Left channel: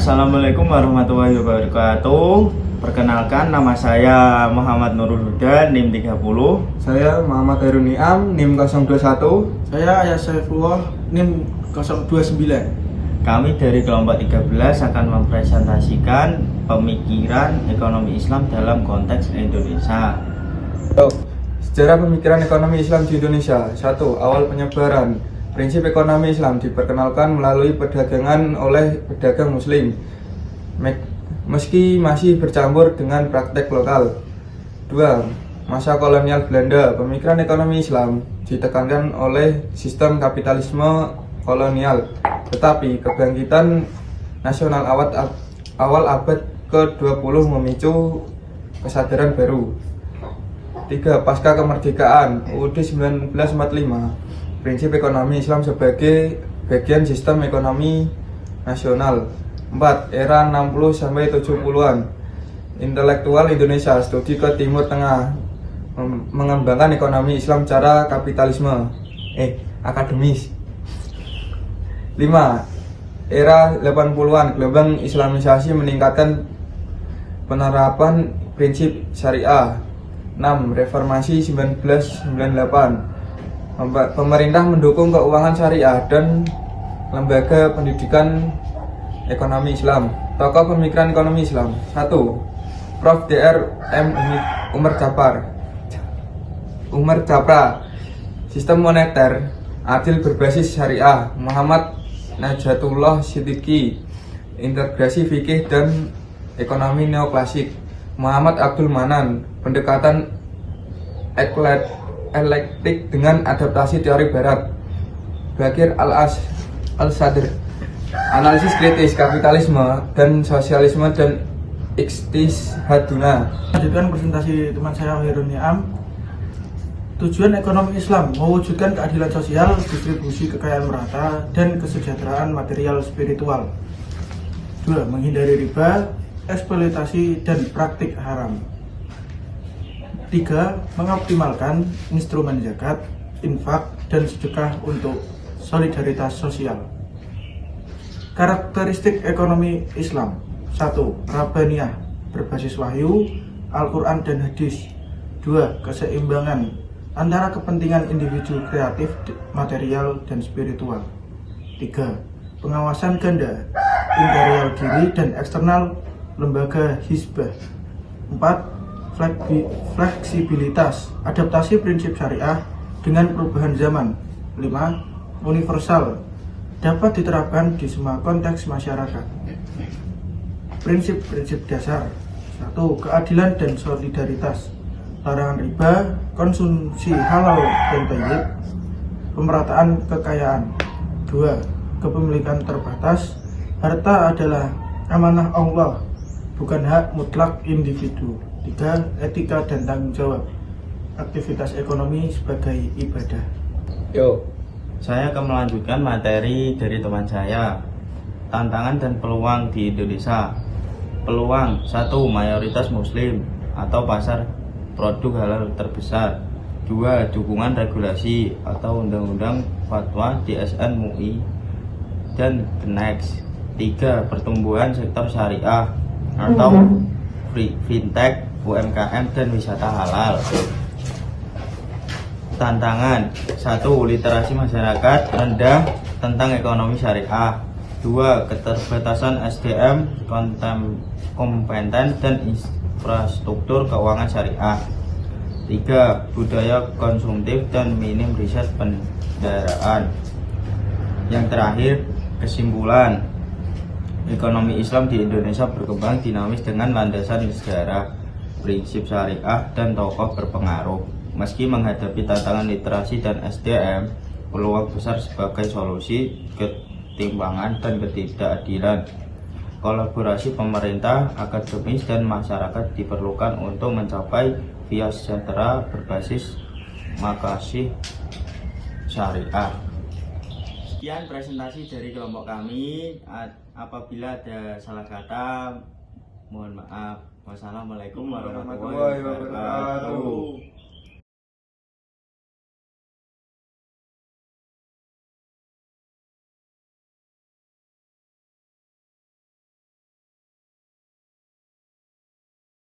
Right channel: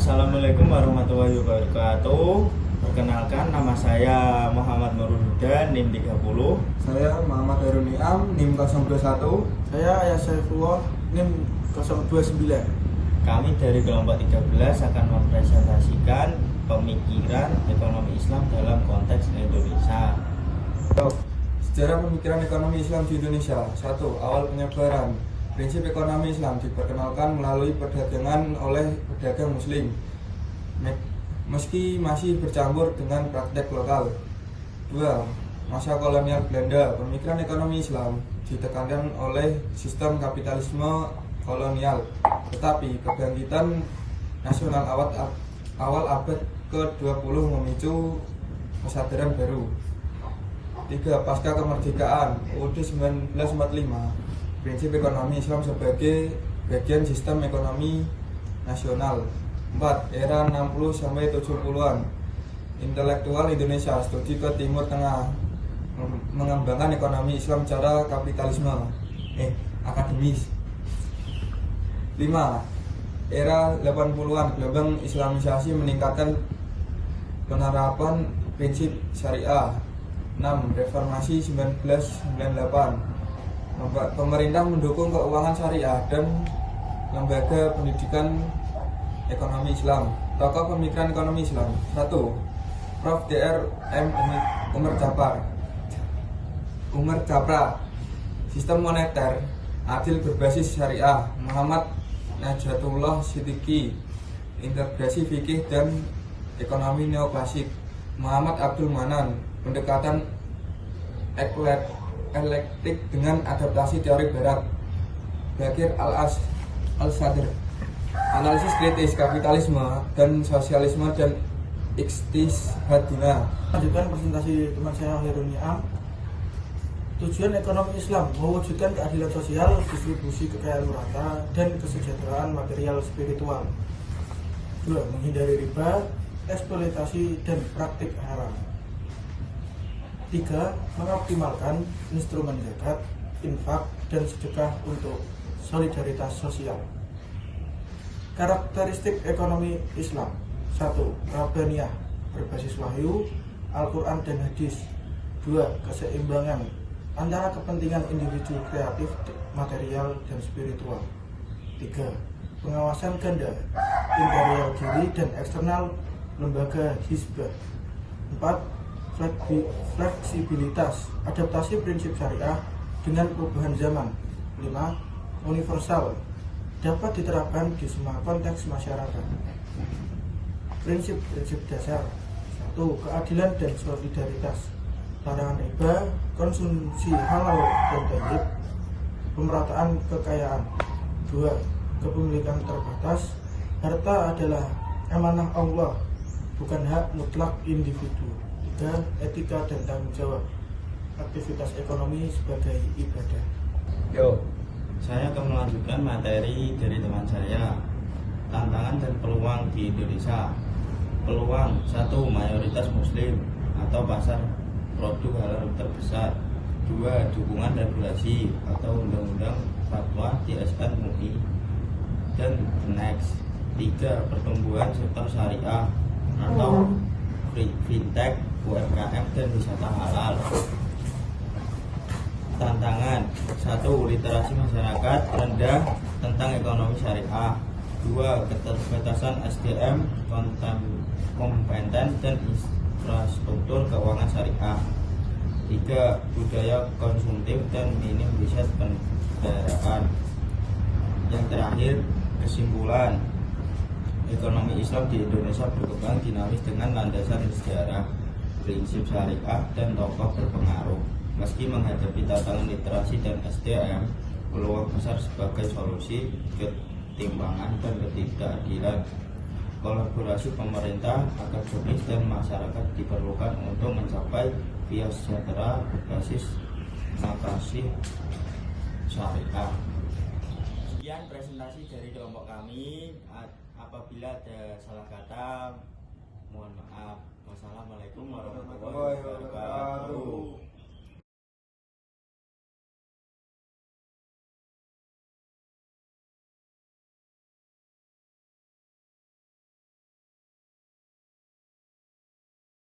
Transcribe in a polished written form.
Assalamualaikum warahmatullahi wabarakatuh. Perkenalkan, nama saya Muhammad Nurul Huda, NIM 30. Saya Muhammad Hairul Niam, NIM 021. Saya Ayas Saifullah, NIM 029. Kami dari kelompok 13 akan mempresentasikan pemikiran ekonomi Islam dalam konteks Indonesia. Sejarah pemikiran ekonomi Islam di Indonesia. 1. Awal penyebaran. Prinsip ekonomi Islam diperkenalkan melalui perdagangan oleh pedagang muslim, meski masih bercampur dengan praktek lokal. 2. Masa kolonial Belanda. Pemikiran ekonomi Islam ditekankan oleh sistem kapitalisme kolonial, tetapi kebangkitan nasional awal abad ke-20 memicu kesadaran baru. 3. Pasca kemerdekaan UUD 1945. Prinsip ekonomi Islam sebagai bagian sistem ekonomi nasional. 4. Era 60-70-an. Intelektual Indonesia studi ke Timur Tengah, mengembangkan ekonomi Islam cara kapitalisme akademis. 5. Era 80-an. Gelombang Islamisasi meningkatkan penerapan prinsip syariah. 6. Reformasi 1998. Pemerintah mendukung keuangan syariah dan lembaga pendidikan ekonomi Islam. Tokoh pemikiran ekonomi Islam. 1. Prof. Dr. M. Umar Japra. Sistem moneter adil berbasis syariah. Muhammad Najatullah Siddiqi. Integrasi fikih dan ekonomi neoklasik. Muhammad Abdul Manan. Pendekatan eklektik dengan adaptasi teori barat. Bakir Al-Sadr. Analisis kritis kapitalisme dan sosialisme dan ikhtishaduna. Lanjutkan presentasi teman saya Hairul Niam. Tujuan ekonomi Islam mewujudkan keadilan sosial, distribusi kekayaan merata, dan kesejahteraan material spiritual. 2. Menghindari riba, eksploitasi, dan praktik haram. 3. Mengoptimalkan instrumen zakat, infak, dan sedekah untuk solidaritas sosial. Karakteristik ekonomi Islam. 1. Rabbaniyah, berbasis wahyu, Al-Quran dan hadis. 2. Keseimbangan antara kepentingan individu kreatif, material, dan spiritual. 3. Pengawasan ganda, interior diri dan eksternal lembaga hizbah. 4. Fleksibilitas, adaptasi prinsip syariah dengan perubahan zaman. 5. Universal, dapat diterapkan di semua konteks masyarakat. Prinsip-prinsip dasar. 1. Keadilan dan solidaritas, larangan riba, konsumsi halal dan thayyib, pemerataan kekayaan. 2. Kepemilikan terbatas, harta adalah amanah Allah, bukan hak mutlak individu. 3. Etika dan tanggung jawab, aktivitas ekonomi sebagai ibadah. Saya akan melanjutkan materi dari teman saya. Tantangan dan peluang di Indonesia. Peluang. 1. Mayoritas muslim atau pasar produk halal terbesar. 2. Dukungan regulasi atau undang-undang fatwa DSN MUI dan Kenex. 3. Pertumbuhan sektor syariah atau fintech, UMKM, dan wisata halal. Tantangan. 1. Literasi masyarakat rendah tentang ekonomi syariah. 2. Keterbatasan SDM kompeten dan infrastruktur keuangan syariah. 3. Budaya konsumtif dan minim riset pendaraan. Yang terakhir, kesimpulan. Ekonomi Islam di Indonesia berkembang dinamis dengan landasan sejarah, prinsip syariah, dan tokoh berpengaruh. Meski menghadapi tantangan literasi dan SDM, peluang besar sebagai solusi ketimpangan dan ketidakadilan. Kolaborasi pemerintah, akademis, dan masyarakat diperlukan untuk mencapai via sejahtera berbasis makasih syariah. Sekian presentasi dari kelompok kami. Apabila ada salah kata, mohon maaf. Wassalamualaikum warahmatullahi wabarakatuh.